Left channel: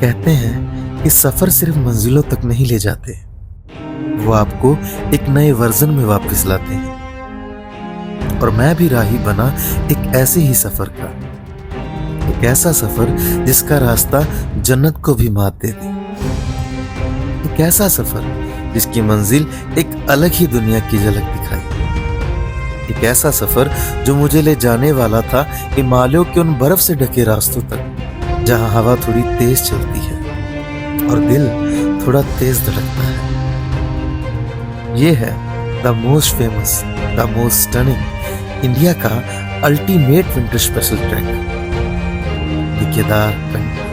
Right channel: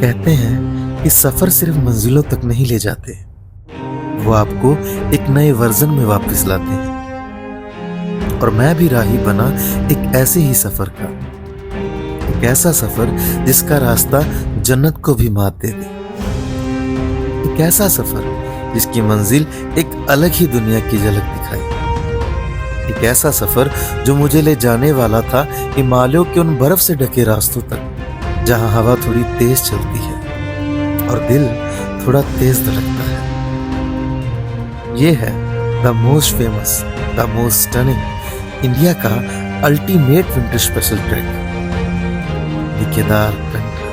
कहते हैं कि सफर सिर्फ मंजिलों तक नहीं ले जाते, वो आपको एक नए वर्जन में वापस लाते हैं। और मैं भी राही बना एक ऐसे ही सफर का, एक ऐसा सफर जिसका रास्ता जन्नत को भी मात दे दे। एक ऐसा सफर जिसकी मंजिल एक अलग ही दुनिया की झलक दिखाए। एक ऐसा सफर जो मुझे ले जाने वाला था हिमालयों के उन बर्फ से ढके रास्तों तक, जहां हवा थोड़ी तेज चलती है और दिल थोड़ा तेज धड़कता है। ये है the most famous, the most stunning, India का ultimate winter special track, the Kedarkantha.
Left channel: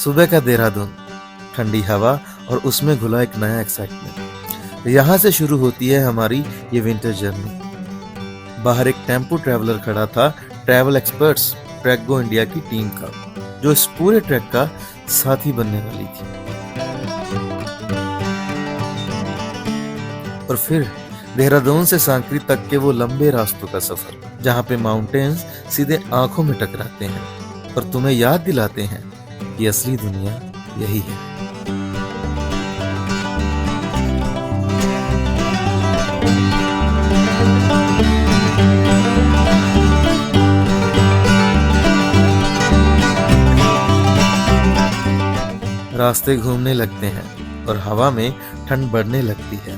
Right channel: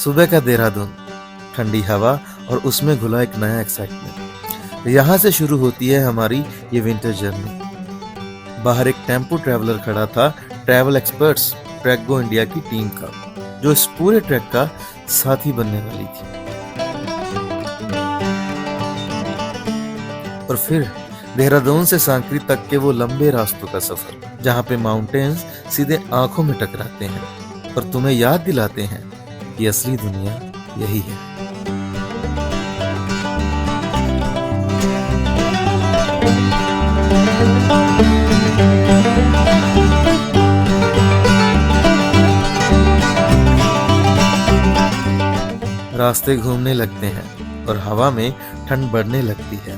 सुबह का देहरादून, ठंडी हवा और उसमें घुला एक नया एक्साइटमेंट। यहाँ से शुरू होती है हमारी ये विंटर जर्नी। बाहर एक टेम्पो ट्रैवलर खड़ा था, travel experts track go India की टीम का, जो इस पूरे ट्रैक का साथी बनने वाली थी। और फिर देहरादून से सांकरी तक के वो लंबे रास्तों का सफर, जहाँ पे माउंटेन्स सीधे आंखों में टकराते हैं और तुम्हें याद दिलाते हैं कि असली दुनिया यही है। रास्ते घूमने लगते हैं और हवा में ठंड बढ़ने लगती है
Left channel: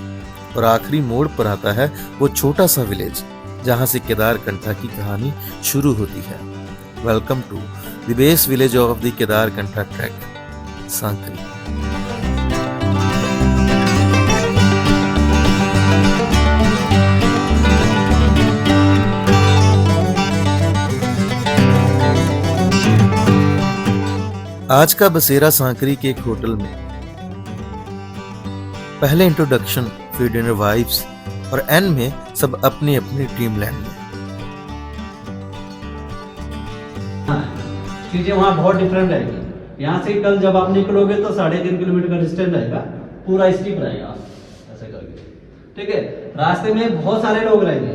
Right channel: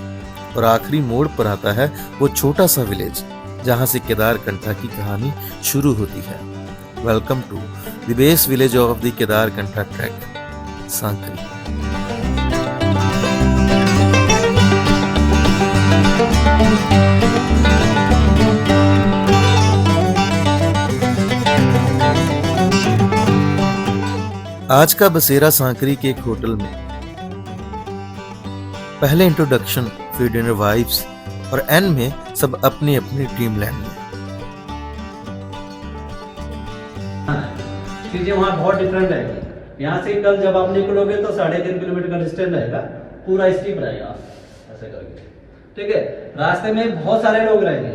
और आखिरी मोड़ पर आता है वो छोटा सा विलेज, जहां से केदारकंठा की कहानी शुरू होती है। Welcome to the base village of the Kedarkantha track, Sankri. आज का बसेरा सांकरी के एक होटल में। पहले इंट्रोडक्शन, फिर डिनर वाइब्स और एंड में सब अपनी अपनी ड्रीम लैंड में। चीजें वहाँ बहुत डिफरेंट रहेगी। यहाँ से कल जब आप निकलोगे तो 3.5 किलोमीटर का डिस्टेंस रहेगा, पूरा स्टीप रहेगा ऐसे करके। ठीक है, रास्ते में बहुत सारे लोग रहेंगे,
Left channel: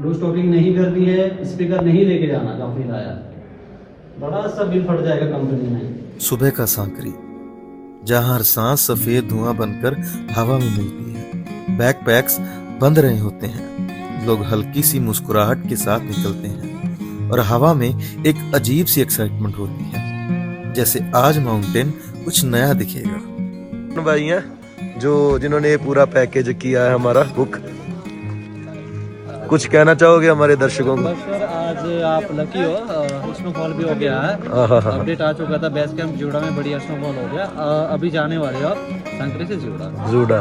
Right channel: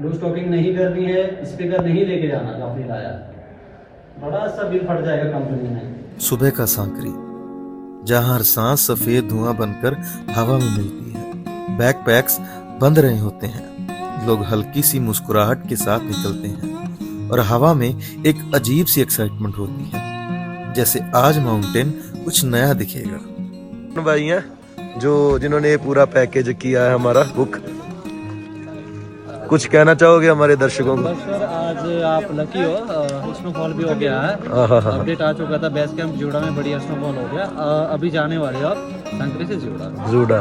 लो स्टॉपिंग नहीं करनी है, स्पीकर नहीं लेके जाना जो आपने लाया, बड़ा सा बिल फट जाएगा कंपनी में। सुबह का सांकरी, जहां हर सांस सफेद धुआं बनकर हवा में मिलती है। बैकपैक्स बंद रहे होते हैं, लोग हल्की सी मुस्कुराहट के साथ निकलते हैं और हवा में एक अजीब सी एक्साइटमेंट होती है, जैसे आज माउंटेन कुछ नया दिखेगा। भाई हैं जो जिन्होंने ये पूरा पैकेज किया है हमारा बुक, कुछ कहना चाहोगे हमारे दर्शकों को? सर आज आप लकी हो, स्नोफॉल भी हो गया है, अपडेट आ चुका था, बेस कैंप जूड़ा में बढ़िया स्नोफॉल हो गया। अभी जाने वाले हो आप सांकरी से जूड़ा।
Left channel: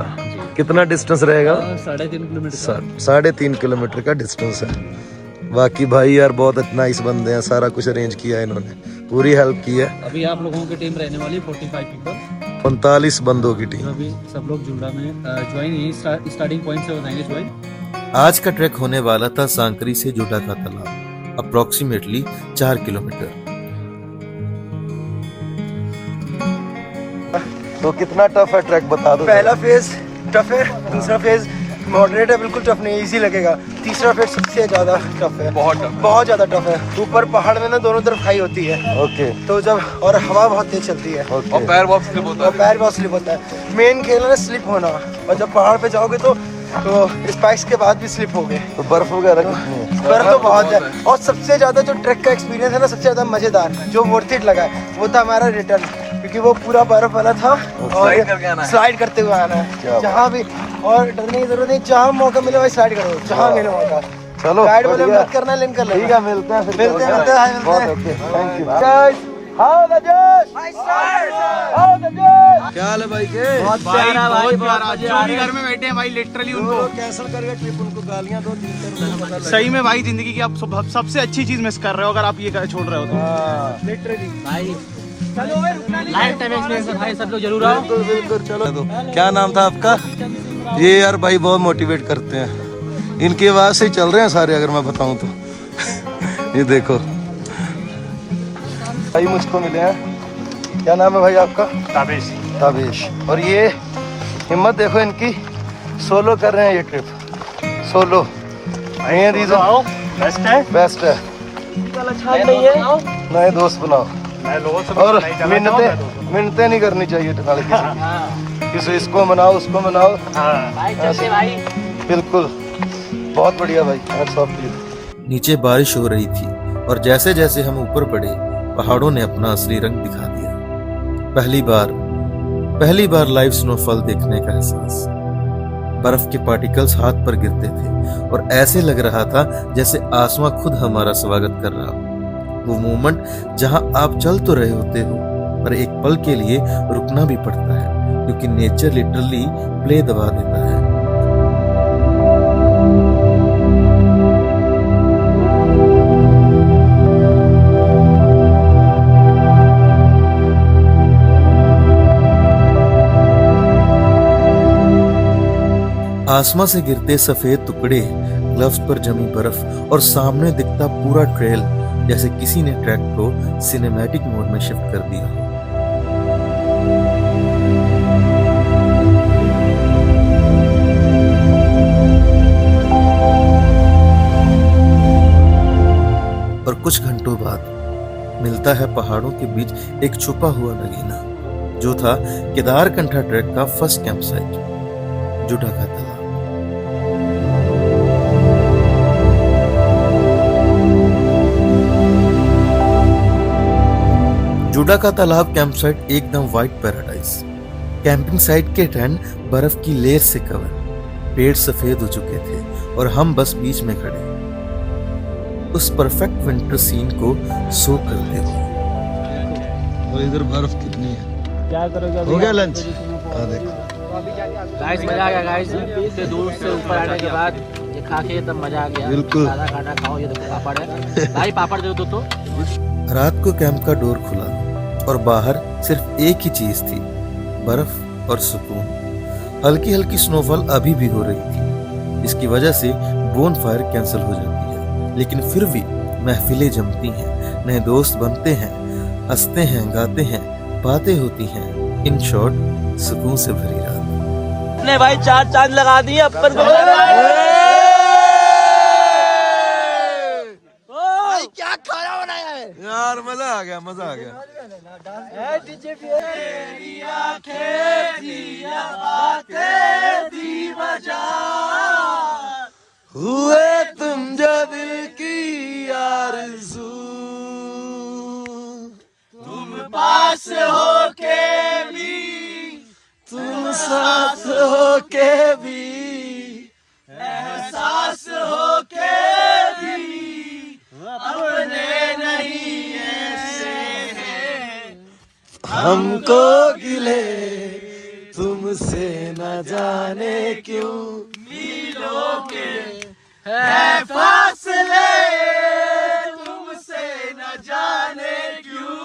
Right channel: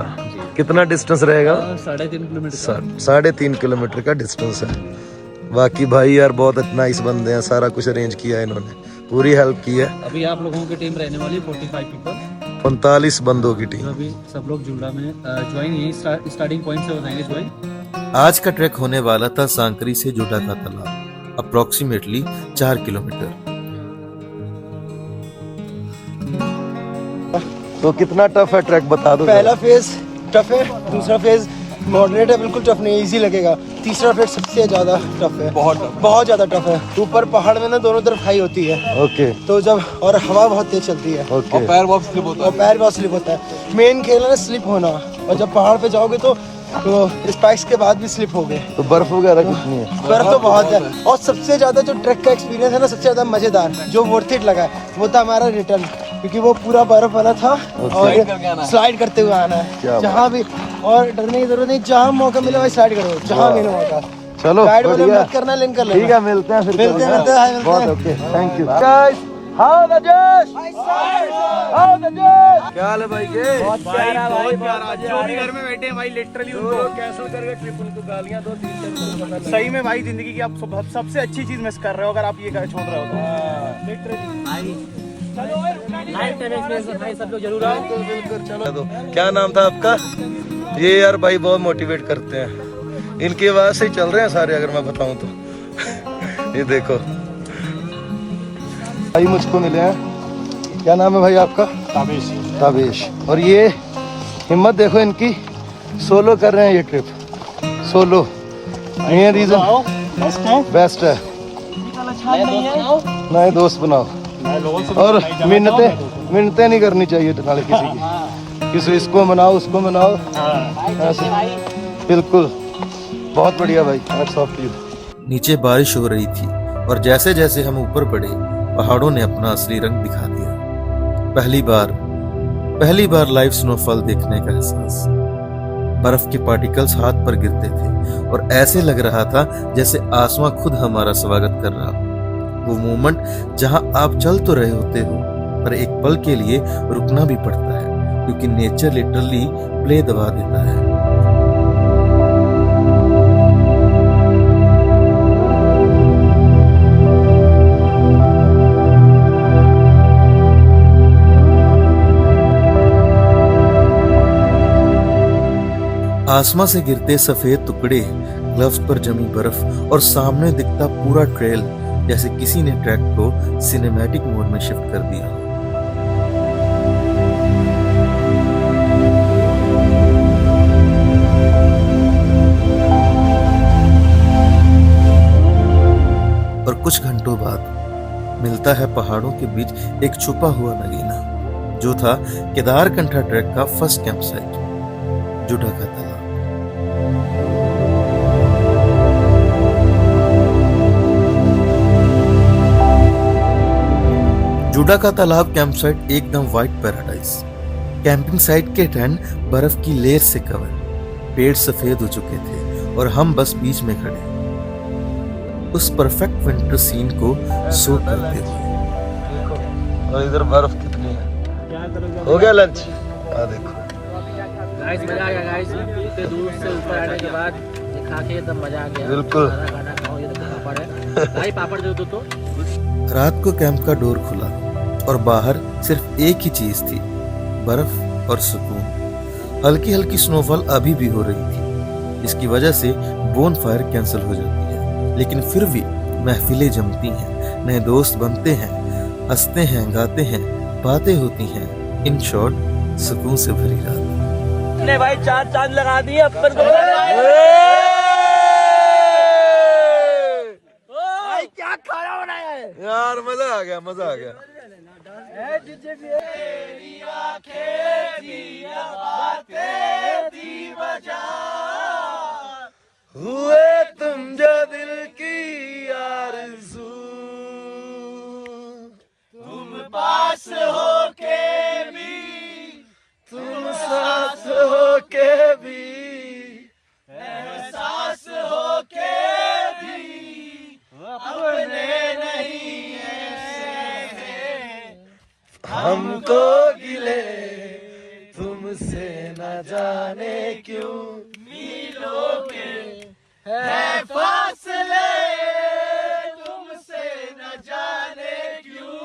कितना डिस्टेंस रहेगा? 3.5 किलोमीटर। 3.5 किलोमीटर का डिस्टेंस है। बाकी भाई यार बहुत नाइस बंदे हैं, सारा कुछ अरेंज किया है इन्होंने, पूरी हेल्प की है। अभी आप लोगों की टीम रहने वाली 45 पीपल, 45 बंदों की टीम। अभी सब लोग जूड़ा में ज्वाइन, यही स्टार्टिंग पॉइंट से हो जाएंगे ज्वाइन। आज का ट्रैक होने वाला था सांकरी से जूड़ा का तालाब, अप्रोक्सीमेटली 4 किलोमीटर। तो कितना टफ है ट्रैक बता दो। पहला फेज टफ है, दूसरा फेज मॉडरेट है, बिल्कुल टफ नहीं, इजी लगेगा। तीसरा फेज सबसे ज्यादा टफ है, बहुत ज्यादा टफ है। ऊपर पहाड़ में ना दोनों तरफ हाई होती है। ओके। तो जब और हवा बहुत तेज चलती है। ओके। और पैर बहुत स्लिप होता है। मेन खेल है ना स्लिप होना, और जब पहाड़ पे जाओगे तो स्पाइक्स के बाद भी स्लिप हो गए। तो बर्फ वगैरह कितनी है? बर्फ तो बहुत है। और सबसे ज्यादा जो ट्रैक का एक्सपीरियंस है ना, सबसे ज्यादा मजेदार जो वर्थ इट लगा वो था हमारा रिटर्न, क्योंकि वो पूरा बर्फ वाला था और स्लाइड करते हुए आना है जहाँ भी, और डरने की जरूरत नहीं, जहाँ मौका मिले वही स्लाइड करो, जहाँ मिले मौका। चलो गाइड वाले मत करना, लिंक कर लो। ठीक है, मिलते हैं फिर। मिलते। Thank you. क्या हाल है भाई के? बहुत प्यारा। जो भी घर में बैठे हैं भाई, लिटरली उनको कैंसिल करके फिर उनको गालियां दो, 3 सही में भाई जिंदगी की आप सबसे अच्छी चीज मिस कर रहे हो अगर आप ये छोड़ रहे हो तो। लिटरली भाई लाइफ टाइम एक्सपीरियंस है भाई, सब लोग जरूर आओ। चलो, क्या नाम था आपका? ये यार भाई बहुत मोटिवेट करते हैं, इनकी आवाज से ही चल रहे हैं सारे, अगर मैं बताऊं तो। ये देखो भाई मुझको मिले हैं, क्या नाम है भाई आपका? ताबेश। ताबेश। और ये हिम्मत देखो इनकी, सोलो कर रहे हैं ये ट्रिप, सोलो। ये रीजन बेस्ट है। बेस्ट है, नए दोस्त बनाओ और मिन्नतें नहीं करनी चाहिए नाले किसी की, इसको मनाओ उसको मनाओ, ऐसे बिल्कुल। बहुत बढ़िया भाई, हैट्स ऑफ टू यू। नीचे बारिश हो रही थी और जैसे जैसे हम ऊपर बढ़े पहाड़ों ने अपना असली रंग दिखा दिया। पहली बार लाइव स्नोफॉल देखने का एहसास। बर्फ के पार्टिकल्स हाथ पर गिरते थे और ऐसे लग रहा था जैसे आसमां खुद हमारा स्वागत कर रहा हो। वो मोमेंट जहां आप चल तो रहे होते हो पर एक पल के लिए रुकना भी पड़ता है क्योंकि नेचर लिटरली प्ले दबा देता है। आसमां से गिरते सफेद टुकड़े, ग्लव्स पर जमी बर्फ और सामने दिखता पूरा ट्रेल, जैसे किसी ने ट्रैक को सिनेमैटिक मोड में शिफ्ट कर दिया। और कुछ घंटों बाद मिलता है पहाड़ों के बीच एक छुपा हुआ नगीना, जो था केदारकंठा ट्रैक का फर्स्ट कैंप साइट, जुडा का तालाब। जुडा का तालाब कैंप साइट एकदम व्हाइट पैराडाइज। कैंपिंग साइट के टेंट बर्फ की लेयर से कवर, पेड़ सफेद हो चुके थे और हम बस बीच में खड़े, उस परफेक्ट विंटर सीन को सो करते हुए। और इधर बर्फ कितनी है। क्या करोगे? हो गया लंच? देखो गाइस, मजा आ गया गाइस। इतने दूर से ऊपर आने के बाद ये खा के एकदम मजा आ गया। बिल्कुल। सारा खाना खाओ। ये देखो पापड़ है भाई, पापड़ दे दो तो। रात को कैंप का डोर खुला और बाहर सिर्फ एक ही चीज थी, बर्फ और सुकून। हल्की हल्की स्नोफॉल अभी भी हो रही थी, जिसकी वजह से बोन फायर कैंसिल हो जाती है, लेकिन फिर भी महफिलें जमती हैं, नए दोस्त बनते हैं, हंसते हैं, गाते हैं, बातें होती हैं। इन शॉर्ट सुकून से भरी रात। ने भाई 4 चांद लगा दिए अपन को। क्या खाना बनाया है यार, मजा आ गया, मजा आ गया। हुए तुम जो दिल की आरज़ू, तुम पास हो के भी, तुम साथ हो के भी, एहसास हो के भी, अपने नहीं ऐसे हैं हमको गिले, तुमसे न जाने क्यों मिलोगे है फासले, तुमसे न जाने क्यों,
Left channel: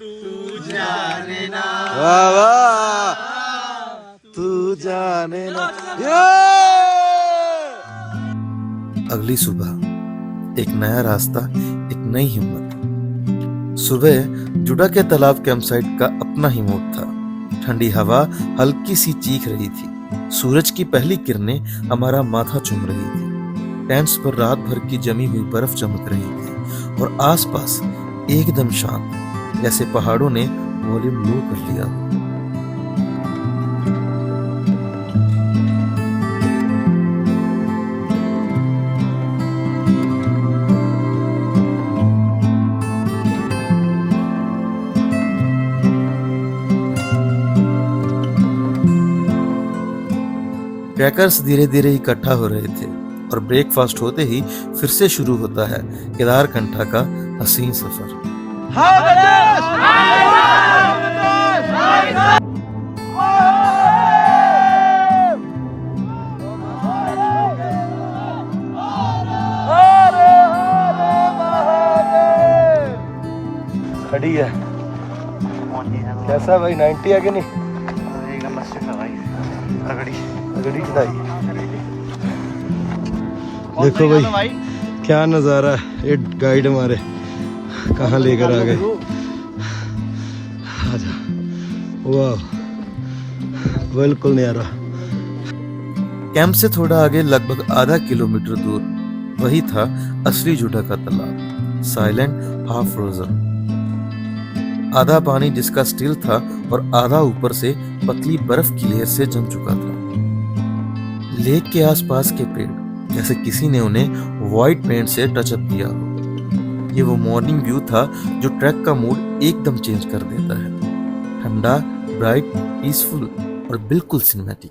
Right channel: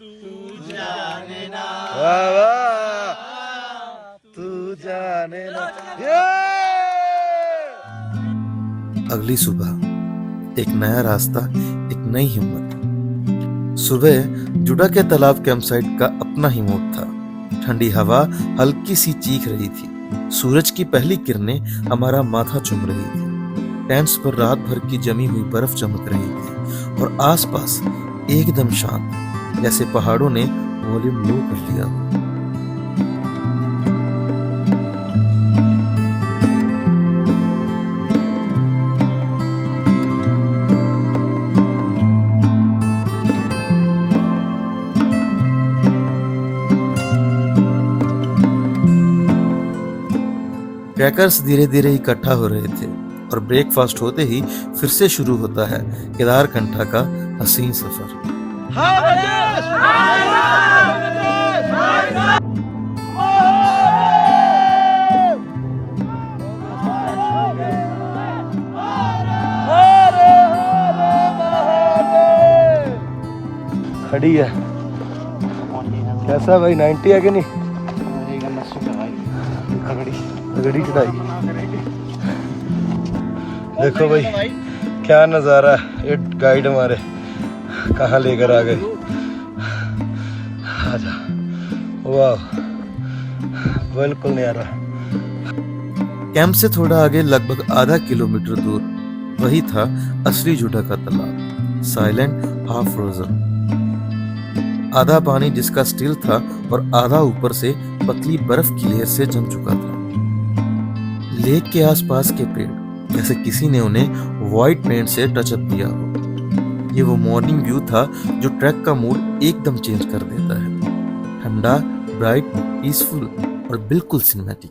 तू जाने ना, वाह वाह, तू जाने ना। अगली सुबह एक नया रास्ता, एक नई हिम्मत। सुबह जुडा के तालाब कैंप साइट का अपना ही मूड था। ठंडी हवा हल्की सी चीख रही थी, सूरज की पहली किरणें हमारा माथा चूम रही थी, टेंट्स पर रात भर की जमी हुई बर्फ चमक रही थी और आसपास एकदम शांत, जैसे पहाड़ों ने वॉल्यूम लो कर लिया। ट्रैकर्स धीरे धीरे इकट्ठा हो रहे थे और ब्रेकफास्ट होते ही फिर से शुरू होता है केदारकंठा का हसीन सफर। खड़ी है, कैसा भाई? 90 है कि नहीं? भाई तगड़ी चढ़ाई। देखो भाई क्या नज़ारा है। एक गाइड हमारे कहाँ लेकर आ गए। आजा, वाह, बिल्कुल नहीं आ रहा। कैंप से थोड़ा आगे लगभग आधा किलोमीटर दूर वही था असली झूठा का तालाब, साइलेंट हाफ फ्रोजन। आधा पानी जिसका स्टिल था और आधा ऊपर से पतली बर्फ की लेयर से जम चुका था। लेक के आसपास के पेड़ जैसे किसी ने उन्हें व्हाइट पेंट से टचअप किया हो। ये वो मॉर्निंग व्यू था जो ट्रैक का मूड एकदम चेंज कर देता है। ठंडा, ब्राइट, पीसफुल और बिल्कुल सिनेमैटिक।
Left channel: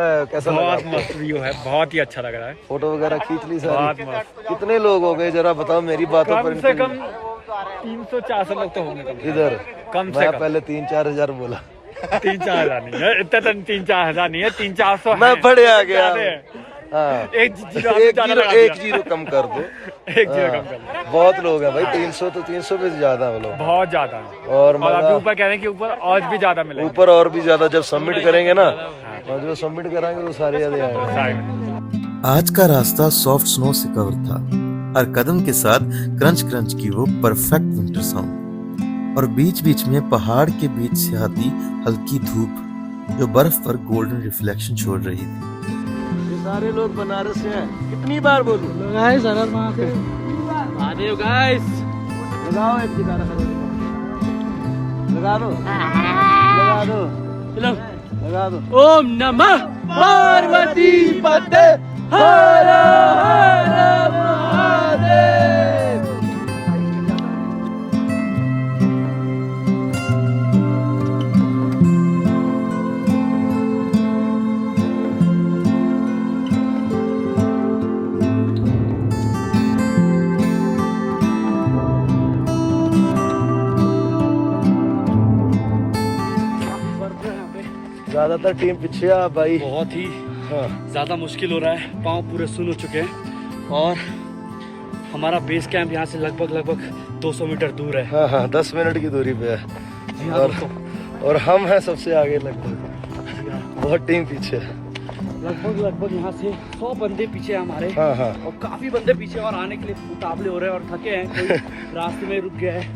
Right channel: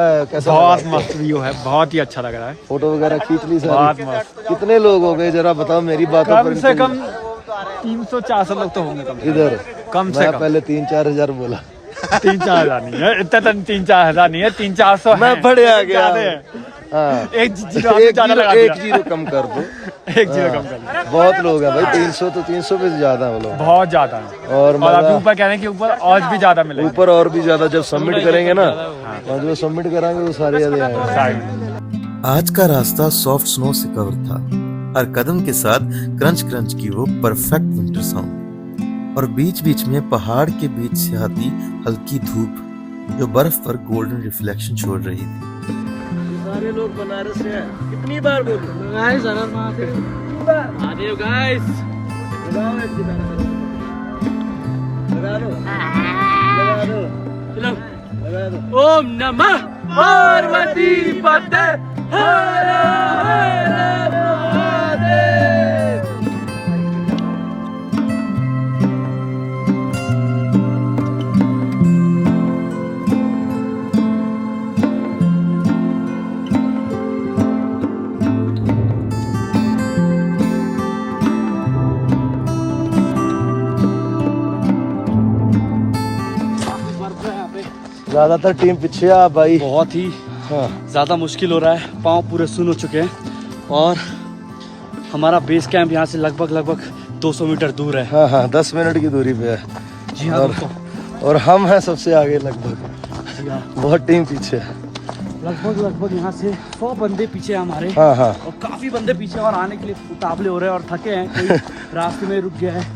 कैसा बहुत लगा? मस्त व्यू है, बहुत ही अच्छा लग रहा है। फोटो वगैरह खींच ली बहुत सारी? मस्त। कितने लोग हो गए जरा बताओ, मेरी बातों पर कम से इनको- कम 300-400 लोग तो होंगे कम से इधर कम से मैं कम। पहले 3-4 हजार बोला। 3-4 हजार नहीं है, इतना तो 3-4 हजार नहीं है, 300-400 मैं बड़े आ गया। ज्यादा है। हाँ, एक जीरो कम कर दो। एक जीरो हाँ, कम कर लो। बहुत लोग हैं भाई, 300 तो 300 पे ज्यादा वो लोग। बहुत ज्यादा है। और और अभी मजा ऊपर कहने के ऊपर और भी ज्यादा मिलेगा। ऊपर और भी ज्यादा जब सबमिट करेंगे ना, और जो सबमिट कराएंगे वो सारे ज्यादा आएंगे। आज का रास्ता सॉफ्ट स्नो से कवर था। हर कदम के साथ क्रंच क्रंच की वो परफेक्ट विंटर साउंड, और बीच बीच में पहाड़ के बीच से आती हल्की धूप जो बर्फ पर गोल्डन रिफ्लेक्शन छोड़ रही थी। सारे लोग बनारस से हैं। कितनी बार बोलूं? गाइस अगर महादेव गाइस लगाओ एक गिटार लगा दो, लगा दो, चलो लगा दो। ओम नमः पार्वती पते हर हर महादेव। ज्यादातर टीम पीछे है आप भाई। बहुत ही हाँ, ज़्यादा मुश्किल हो रहा है, पाँव पूरे सुन हो चुके हैं और हमारा बेस कैंप यहाँ से लगभग 200 मीटर दूर है। हाँ, हाँ, 10 मिनट की दूरी पे है। जी हाँ और, दोस्तों, और हम हैं सबसे आगे लगभग, जी हाँ, बहुत टीम पीछे है। लगभग यहाँ से 100 बंदे पीछे हैं हमारे। हाँ, हाँ, और काफ़ी बंदे पीछे और आने के लिए उतावले हो रहे हैं और थके हैं। कोई रास्ते में रुक गया है,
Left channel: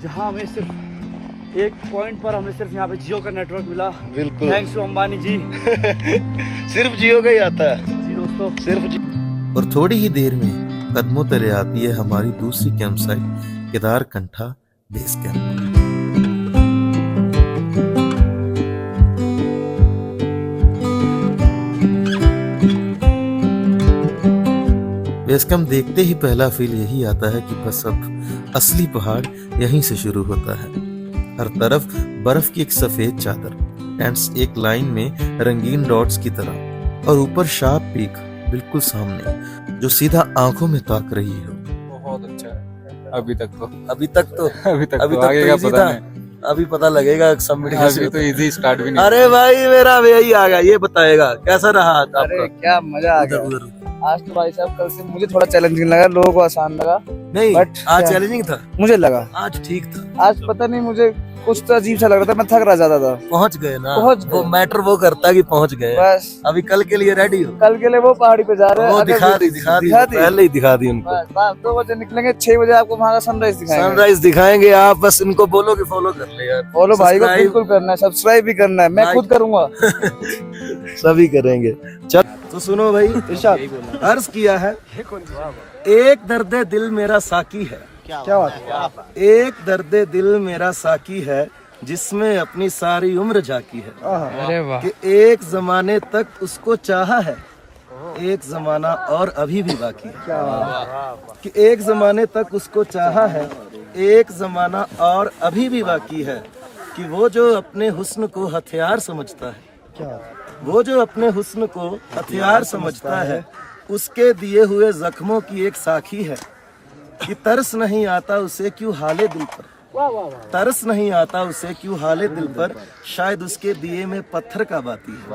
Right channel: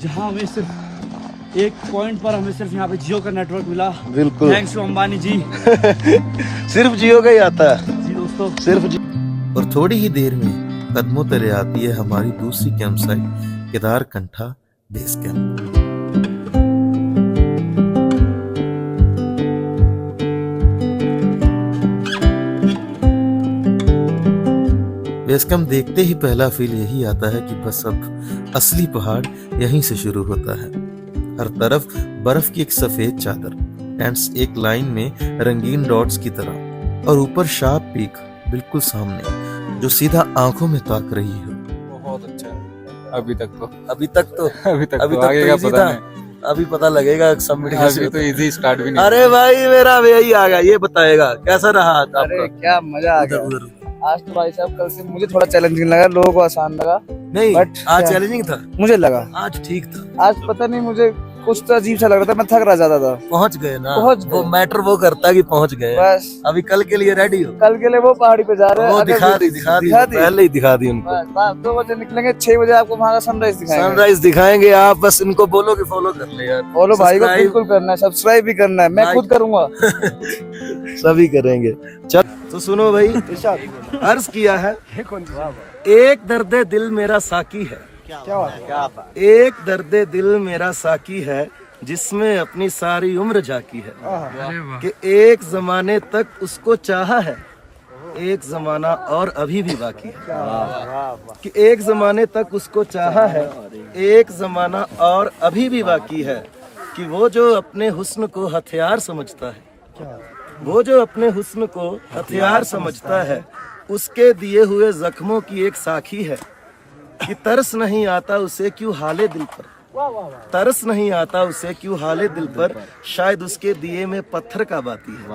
जहाँ हमें सिर्फ एक पॉइंट पर हमें सिर्फ यहाँ पे जियो का नेटवर्क मिला। बिल्कुल। थैंक्स टू अंबानी जी। सिर्फ जियो का ही आता है, जी दोस्तों, सिर्फ जियो। और थोड़ी ही देर में कदमों तले आती है हमारी दूसरी camp site, Kedarkantha base camp. Base camp देखते ही पहला फील यही आता है कि बस अब असली पहाड़ यहीं से शुरू होता है। हर तरफ बर्फ की एक सफेद चादर, टेंट्स एक लाइन में रंगीन डॉट्स की तरह, और ऊपर शार्प पीक बिल्कुल सामने जो सीधा आंखों में ताक रही हो। बहुत अच्छा है अभी तक तो अभी तक तो आगे का easy पता था। नहीं। अभी पता लगेगा सबमिट कैसे अभी होता तो है। इजी स्टार्ट भी नहीं अरे भाई मेरा भैया आ गया, ये बताएगा कैसा रहा आपका? अरे क्या मजा आ गया। उधर आज तो भाई साहब कल से मुझे थोड़ा चैलेंजिंग लगा, लोगों को आसान लगा, नहीं, But आज क्या- चैलेंजिंग था, मुझे लगा आज ठीक था। आज पता नहीं मुझे कुछ तो अजीब सा लग रहा था, मैं थक रहा ज्यादा था। पहुंच गए ना, पहुंच वो गए। मैटर वो करता है कि पहुंच गए। बस अभी कल के लिए रेडी हो? कल के लिए वो पहाड़ी पे जा रहे हैं। वो अगर दिखा भी- दी पहले ही दिखा दी उनको। बस रात 2 बजे निकलेंगे, 6 बजे आपको वहाँ का सनराइज दिखाएंगे। सनराइज दिखाएंगे, आप बस इनको बोलो कि फॉलो कर ले यार। फॉलो भाई को Subscribe बिल्कुल करना है, सब्सक्राइब भी करना है, मैं Like- खुद करूंगा। सभी करेंगे। चल तो सुनो भाई, अर्ज किया है, एक दर्द दिल मेरा साकी है, एक दर्द दिल मेरा साकी है, जिसमें अपनी सारी उम्र झाकी है। अरे वाह, कि एक जमाने तक उसको चाहा है, एक जमाना और अभी भी बाकी है। कि एक जमाने तक उसको चाहा है, एक जमाना और अभी भी बाकी है। कि वो जो अपने हुस्न को हथियार समझता है, वो जो अपने हुस्न को हथियार समझता है, उसके दिए हुए जख्मों की एक साखी है। कि तरस नहीं आता उसे क्यों हाले दिल पर, तरस नहीं आता उसे क्यों हाले दिल पर, शायद उसके दिए में पत्थर का बाती है।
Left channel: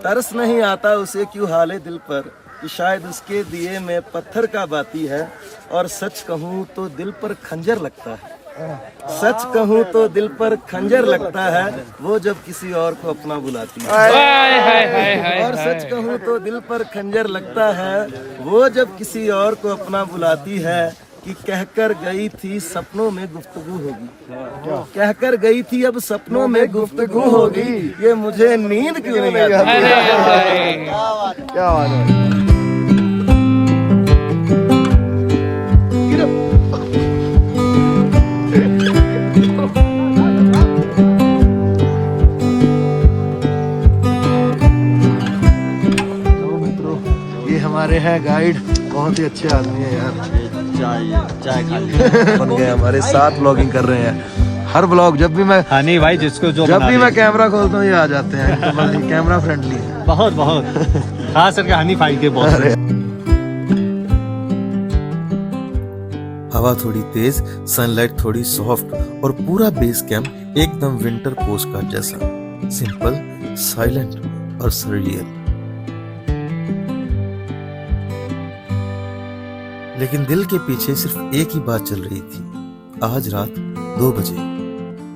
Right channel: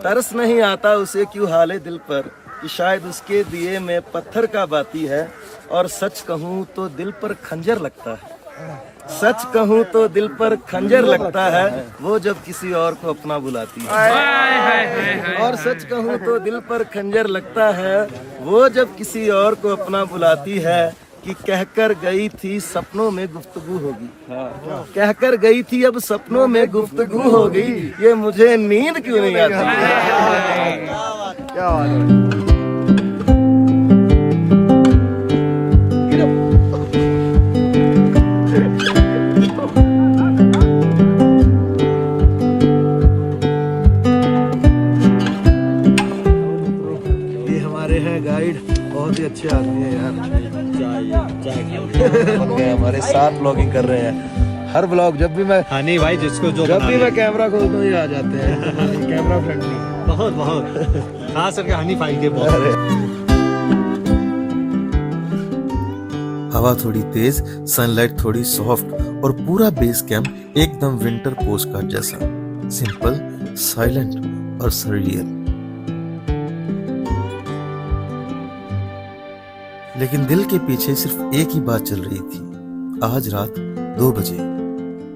तरस नहीं आता उसे क्यों हाले दिल पर, कि शायद उसके दिए में पत्थर का बाती है। और सच कहूँ तो दिल पर खंजर लगता है, सच कहूँ तो दिल पर खंजर लगता है वो जब किसी और को अपना बुलाती है। और सच कहूँ तो दिल पर खंजर लगता है वो जब किसी और को अपना बुलाती है कि कहकर गई थी सपनों में गुफ्तगू होगी। कहकर गई थी अब सपनों में गुफ्तगू होगी, ये मुझे नींद क्यों नहीं आती? क्या बात है। ये हमारे हैं गाइड, बहुत ही अच्छे आदमी है यार। चाय खा बन गए हमारे साथ ब्लॉगिंग कर रहे हैं। हर ब्लॉग जब भी मैं हाँ नहीं भाई, जिसको जो जब भी मैं कैमरा खोलता हूँ ये आ जाते हैं। तो कैमरा फ्रेंडली है बहुत बहुत खास करके हनी भाई के बहुत। हवा थोड़ी तेज, सनलाइट थोड़ी सॉफ्ट और पूरा बेस कैंप एकदम विंटर पोस्ट कार्ड जैसा, सिंपल, साइलेंट और सरियल। लेकिन दिल के पीछे सिर्फ एक ही बात चल रही थी। आज रात 2 बजे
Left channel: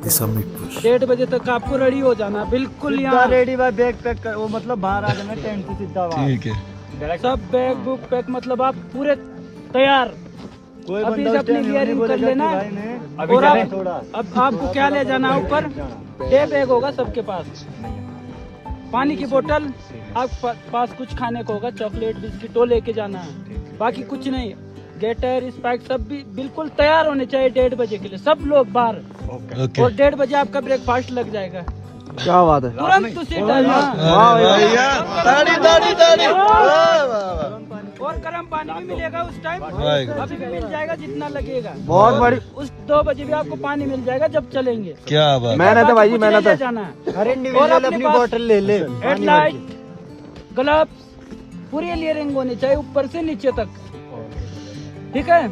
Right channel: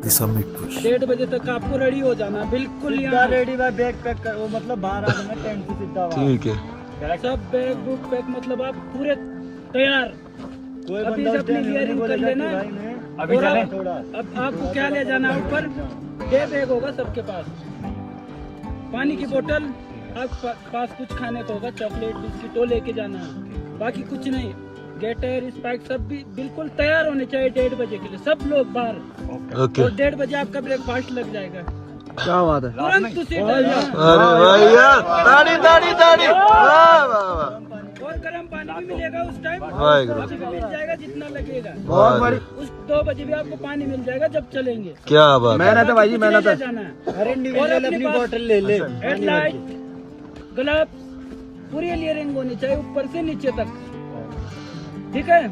द समिट पुश। 1:30 बजे तक आपको रेडी हो जाना, बिल्कुल यहाँ रेडी भाई, बैग पैक कर, वो मतलब बाहर आ जाना टेंट से सीधा वहाँ। ठीक है। सब बैग बुक पैक, मतलब आप पूरे तैयार। अभी से अपनी गियरिंग कर लेना। और अब आपको क्या ले जाना ऊपर? डे बैग होगा सबके पास, पानी की बोतल, आपके पास कुछ खाने को होगा, चॉकलेट बिस्किट वो लेके जाना है, बाकी कुछ नहीं। गेटर स्पाइक सब भी बिल्कुल तैयार होने चाहिए 1:30 बजे के लिए, सब लोग बाहर। और 1:30 बजे आपका ब्रेकफास्ट लग जाएगा। क्या बात है। तुरंत उसी टाइम। और गर्म पानी भी मिलेगा उस टाइम, अभी भी मिल जाएगा जितना लगेगा। बहुत बड़ी। उस 2 बजे भी आपको पानी मिल जाएगा जब चलेंगे। क्या बात। मेहनत है भाई जी, मेहनत है। जाना है। हर इंडिविजुअल अपनी बोतल ले ले। हेडलाइट, ग्लव्स, पूरी लेयरिंग होनी चाहिए ऊपर से नीचे तक, ठीक है?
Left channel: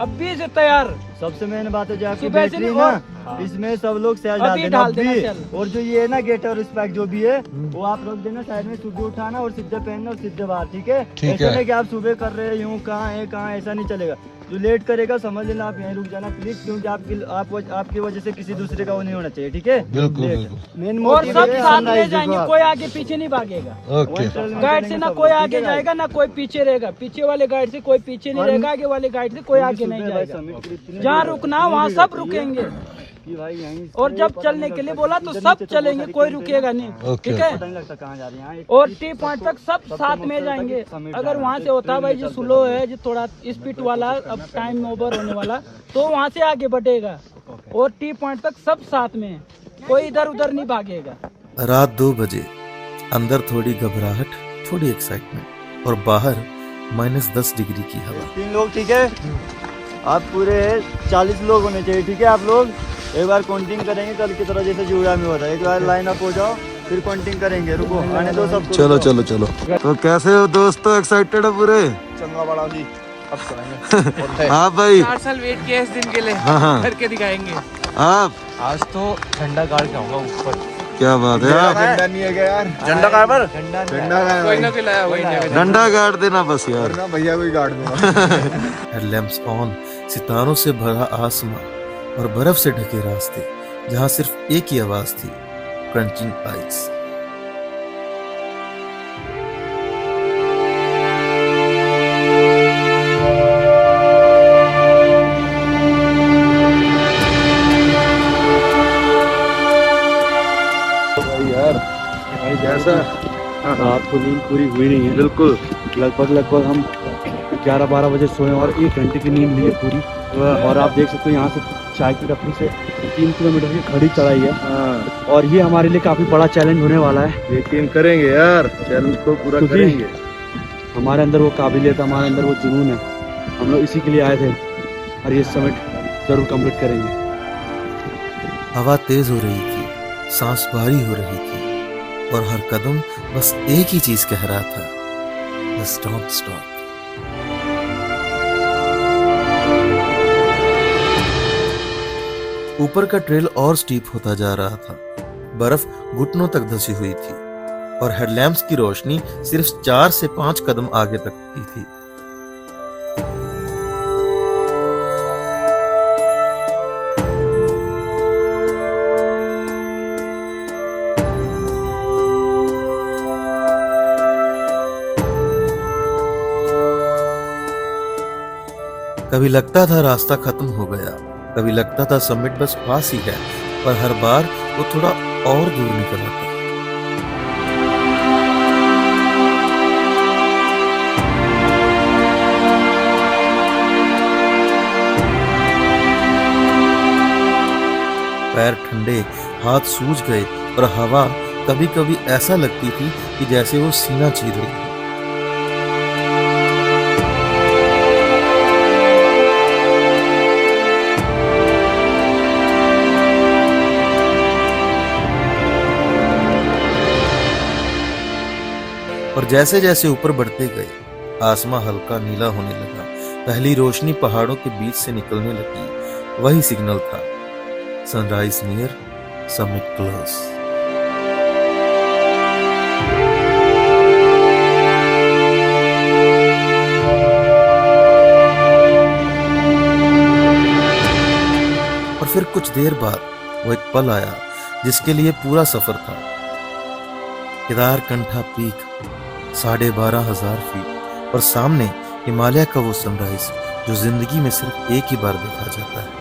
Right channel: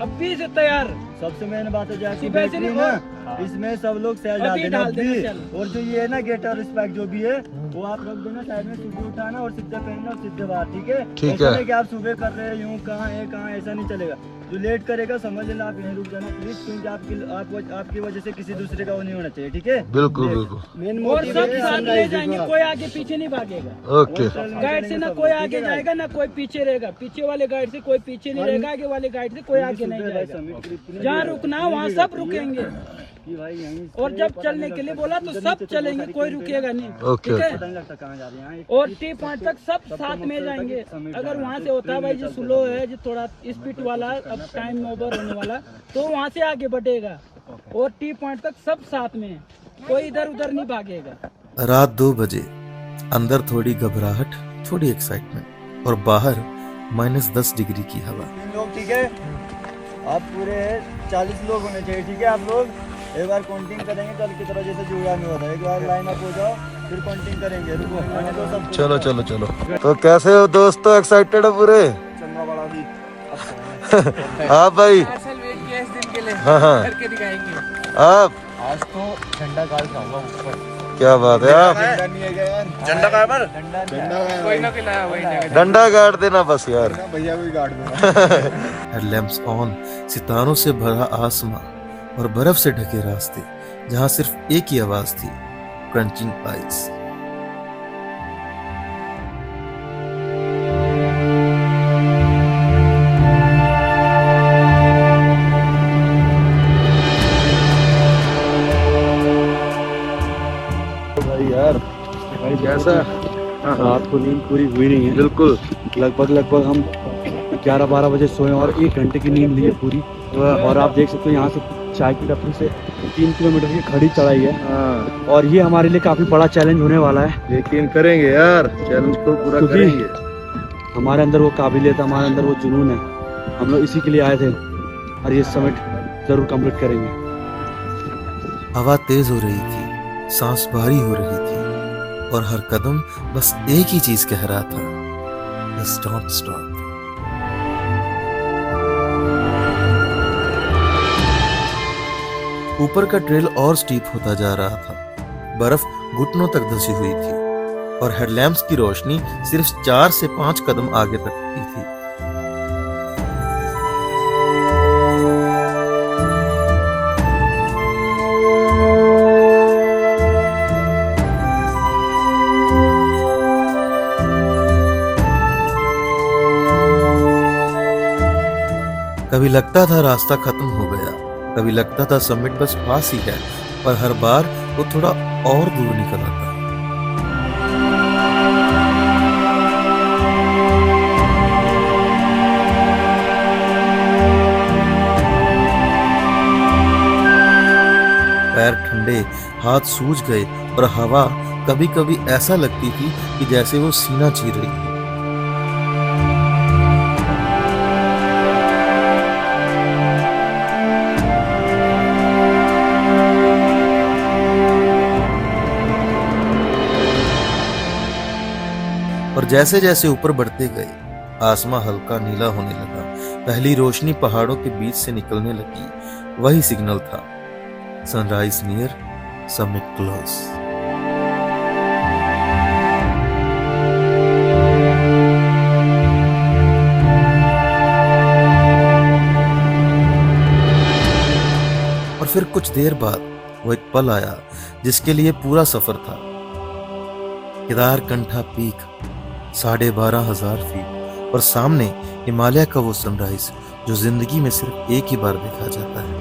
अभी से तैयार। सबसे मेन बात है जो आपकी सुबह से बैटरी नहीं, ना, और इसमें सब लोग सेल अभी डाल देना डाल देना अभी। सेल। और जो ये है ना गेट और स्पाइक जो भी है वो आप रख देना साइड में, सुबह उठाना और सीधे पहनना और सीधे बाहर, ठीक है? ऐसा नहीं कि आप सुबह कर रहे हैं यूँ कहाँ है कहाँ, ऐसा नहीं चलेगा। जो लेट करेगा समझ लेना आप यहीं रुक जाना प्लीज, क्योंकि आपकी वजह से किसी दूसरे का वो नहीं होना चाहिए, ठीक है? बिल्कुल बिल्कुल। मेन और सब साथ ले जाएंगे, कोई आगे पीछे नहीं भागेगा। ओके। गाइड से ना कोई आगे जाएगा ना कोई पीछे रहेगा, पीछे वाले गाइड से कोई पीछे नहीं रहेगा, आगे वाले गाइड से कोई आगे नहीं जाएगा। जहाँ रुकना वहाँ सब रुकेंगे। और जब चलने के लिए बोला तो सब चलेंगे, कोई रुकेगा नहीं, ठीक है? और टी पॉइंट तक सब साथ में जाएंगे। अगर वहाँ से होता भाई जो स्लो है, जो थोड़ा स्पीड वाला, अब टाइम ओवर होने वाला, तो वहाँ से आगे बढ़ेगा। और टी पॉइंट तक सब साथ में, कोई इधर उधर नहीं भागेगा। रात 2 बजे, अंदर थोड़ी घबराहट, थोड़ी एक्साइटमेंट और बाहर -10 डिग्री की हवा। 3 लोग, ठीक है? आप पूरे 40 लोग होने चाहिए, ठीक है? आप लोग एक बार काउंटिंग करेंगे कल की तरह, जैसे जुड़ा में होता है। एक बार लाइन अप हो जाओ, फिर काउंटिंग करेंगे। रुको, आने दो सबको। चलो चलो चलो। तो कैसे हो दोस्तों, एक्साइटेड हो पूरे? चंगा बड़ा जी। हाँ भाई। 4 साल वेट किया इस दिन के लिए, हाँ। करके दिखाएंगे। आप आज तो ठंडा गाड़ खाऊंगा ऊपर। क्या बात है। आप झंडा नहीं है क्या यार? झंडा कहाँ पर? झंडा कहाँ कोई ना कोई लाया, वही जगह। डंडा गाड़ देना बस यार। भैया कोई गाड़ देना। हेडलैम्प्स ऑन, सितारों से भरा आसमां और बर्फ से ढके रास्ते, जहां सिर्फ एक ही आवाज थी, क्रंचिंग आइस। भाई यार, भाई कैसा? रात को नींद पूरी हुई नहीं है, बिल्कुल। लगभग हम 11-12 बजे सोए और 1 घंटे की नींद ली है पूरी। और आप देख सकते हो यहाँ से चाय की टपरी से 3 किलोमीटर की खड़ी चढ़ाई है। हाँ, और ये हमारे लिए काफी बड़ा चैलेंज होने वाला है। यकीन करेंगे यार, चैलेंज को पूरा क्योंकि करेंगे। हमारे अंदर वो काबिलियत, हमारे अंदर वो जुनून है। हम लोग इसी के लिए आए थे और ये समिट जरूर कंप्लीट करेंगे। हवा तेज हो रही थी, सांस भारी हो रही थी और हर कदम बस एक ही चीज कह रहा था, Just don't stop. ऊपर का ट्रेल और स्टीप होता जा रहा था। बर्फ घुटनों तक धंसी हुई थी और हेडलैम्प्स की रोशनी सिर्फ 4 से 5 कदम आगे तक की थी। कभी लगता था रास्ता खत्म हो गया, कभी लगता था समिट बस पास ही है, पर हर बार वो थोड़ा और दूर निकल आता। पैर ठंडे, हाथ सूज गए और हवा कभी कभी ऐसा लगती थी कि जैसे वो सीना चीर रही है। और जैसे जैसे ऊपर बढ़ते गए, आसमां हल्का नीला होने लगा। पहली रोशनी पहाड़ों के बीच से निकलने लगी। वही सिग्नल था, सनराइज नियर, समिट क्लोज। और फिर कुछ देर बाद वो एक पल आया जिसके लिए पूरा सफर था। केदारकंठा पीक, 12,500 फीट, और सामने हिमालय का वो सनराइज जो जिंदगी में सिर्फ एक ही बार देखा जाता है।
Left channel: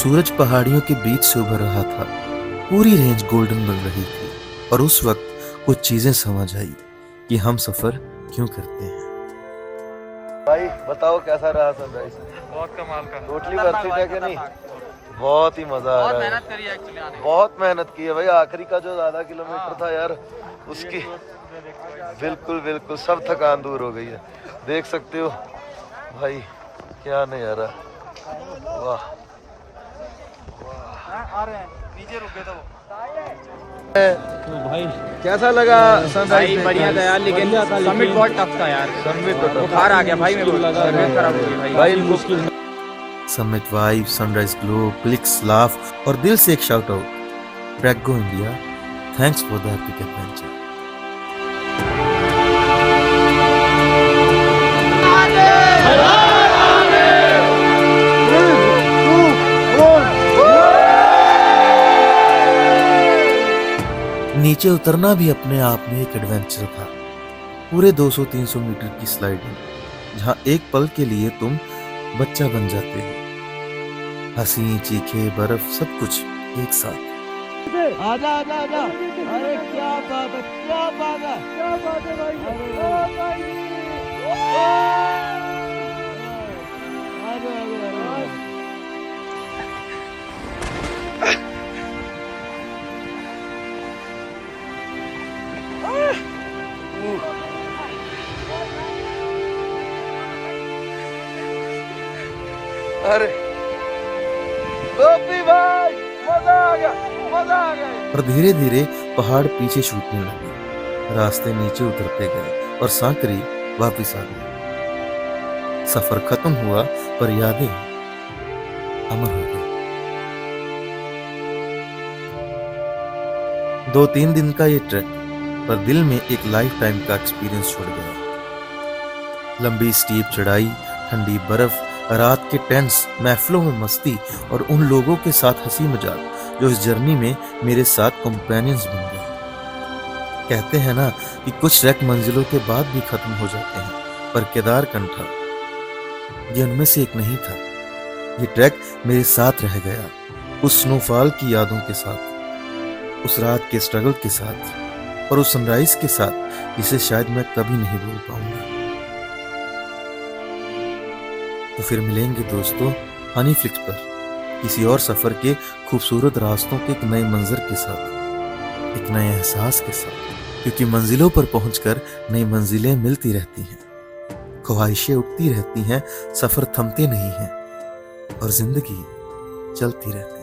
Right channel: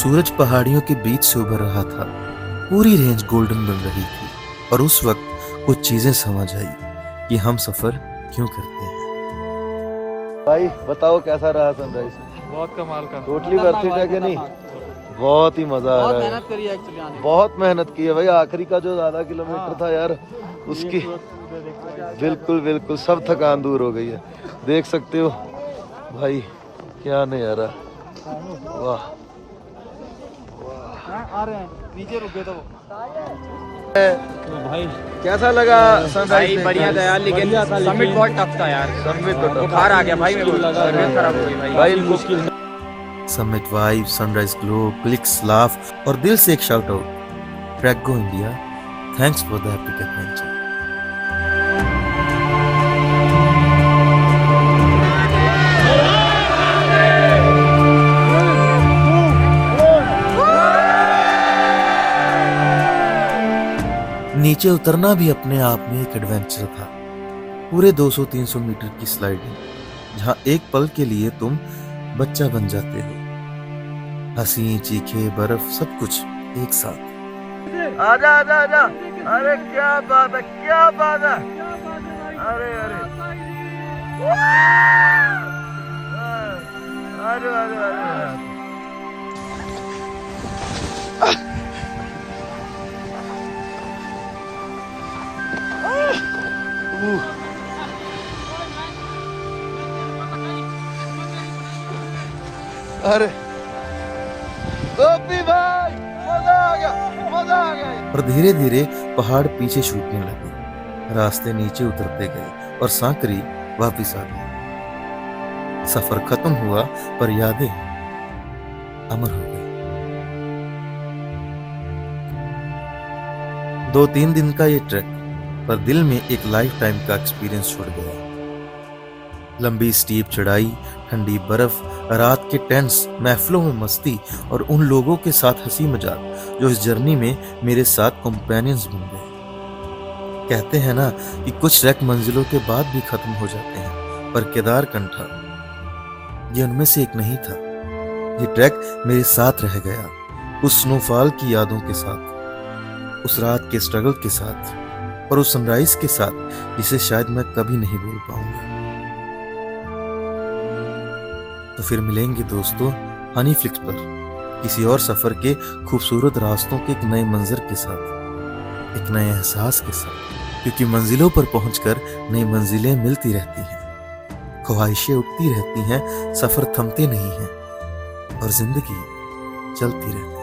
सूरज पहाड़ियों के बीच से उभर रहा था। पूरी रेंज गोल्डन बन रही थी और उस वक्त कुछ चीजें समझ आई कि हम सफर क्यों करते हैं। भाई बताओ कैसा रहा सनराइज? बहुत कमाल का, टोटली वर्थ इट है कि नहीं? बहुत ही मजा आ रहा है। बहुत मेहनत की है भाई। आखिरी का जो 12 किलोमीटर था यार, उसकी बिल्कुल बिल्कुल सब थकान दूर हो गई है। देख सकते हो भाई, क्या नहीं आ रहा। वाह, नीचे रुक गए तो भाई कैसा लगा सनराइज? भाई बढ़िया था यार, लेकिन समिट बहुत टफ था यार। समिट तो बुखार आ गया भाई, मेरे को तबीयत खराब हो गई भाई मुश्किल। Summit vibe, sunrise glow, clicks, laugh और दिल से एक shout out, track go India, thanks for the epic adventure. नीचे उतरना भी अपने आप में एक एडवेंचर था। पूरे 200-300 मीटर की स्लाइडिंग, जहां एक पल के लिए तुम बच्चा बन जाते हो। हंसी, चीखे, बर्फ, सब कुछ एक साथ। आजा आजा आजा, अरे क्या बात है, क्या बात है। अरे अरे अरे अरे गोपी भाई, मजा आ गया, मजा आ गया। और धीरे धीरे पहाड़ पीछे छूटने लगे, रास्ते नीचे उतरते गए और सांकरी वापिस आ गई। सफर खत्म हुआ पर यादें अमर हो गई। 2-3 दिन का ये ट्रैक पर दिल में एक लाइफ टाइम का एक्सपीरियंस छोड़ गया। लंबी स्टीप चढ़ाई, ठंडी बर्फ, रात के टेंट्स, महफिलों में मस्ती और उन लोगों के साथ हंसी मजाक जो इस जर्नी में मेरे साथ कंपेनियंस बन गए। कहते हैं ना कि कुछ ट्रैक मंजिलों के बाद भी खत्म हो जाते हैं, पर केदारकंठा ये उनमें से एक नहीं था। ये ट्रैक मेरे साथ रह गया, उस स्नोफॉल की यादों के साथ, उस रात के स्ट्रगल के साथ और उस सनराइज के साथ जिसे शायद मैं कभी नहीं भूल पाऊंगा। तो फिर मिलेंगे दोस्तों हनी फ्लिक्स पर किसी और सफर के खूबसूरत रास्तों के एक नए मंजर के साथ, एक नए एहसास के साथ, क्योंकि मंजिलों पर पहुंचकर नई मंजिलें मिलती रहती हैं, ख्वाहिशें उठती रहती हैं, सफर थमते नहीं हैं और जिंदगी चलती रहती है।